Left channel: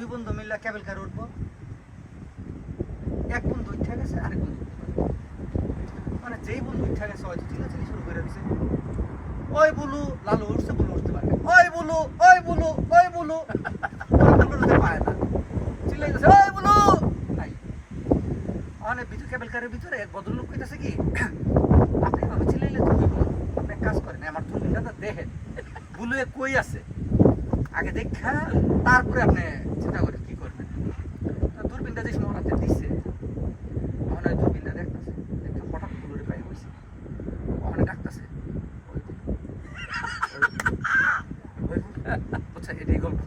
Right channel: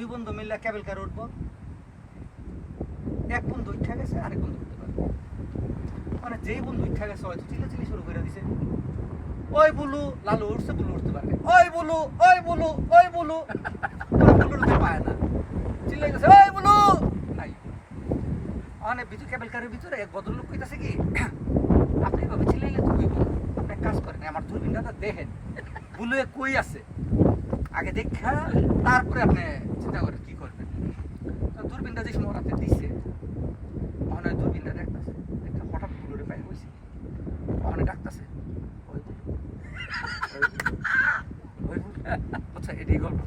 দুই বন্ধু মিললে কেবল কার উঠবো, এক বন্ধু উঠে গেছে আরেক বন্ধু উঠতে পারে, মানে যেই বন্ধু উঠে গেছে হয়তো চিল্লাচিল্লি শুরু করে দিছে, ওই বুলু লালু উঠছে, বুলু উঠতে পারে, ওই বুলু ওই বুলু ওই বুলু, বুলু উঠতে পায় না, চিল্লাই গেছে ওই বুলু নাই। মানে ভিতর কেবল কারের ভিতরে এক ভদ্রলোক কইতাছে কি, আপনি এভাবে চিল্লাইলে তো হইব, আপনি এক কাজ করেন আমার দূরবীনটা দেখেন বুলু কই আছে, আগে দেখা তারপরে আপনি চিন্তা করেন কি করবেন। তো দূরবীনটা যে সময় রাতে দিচ্ছে ওখানে দূরবীনটা দেখতেছে, দেখতে হঠাৎ বুলুরে পায়ে হয়েছে, ওখানে ডাকতেছে ওই বুলু ওই বুলু, আচ্ছা এটাই গল্প।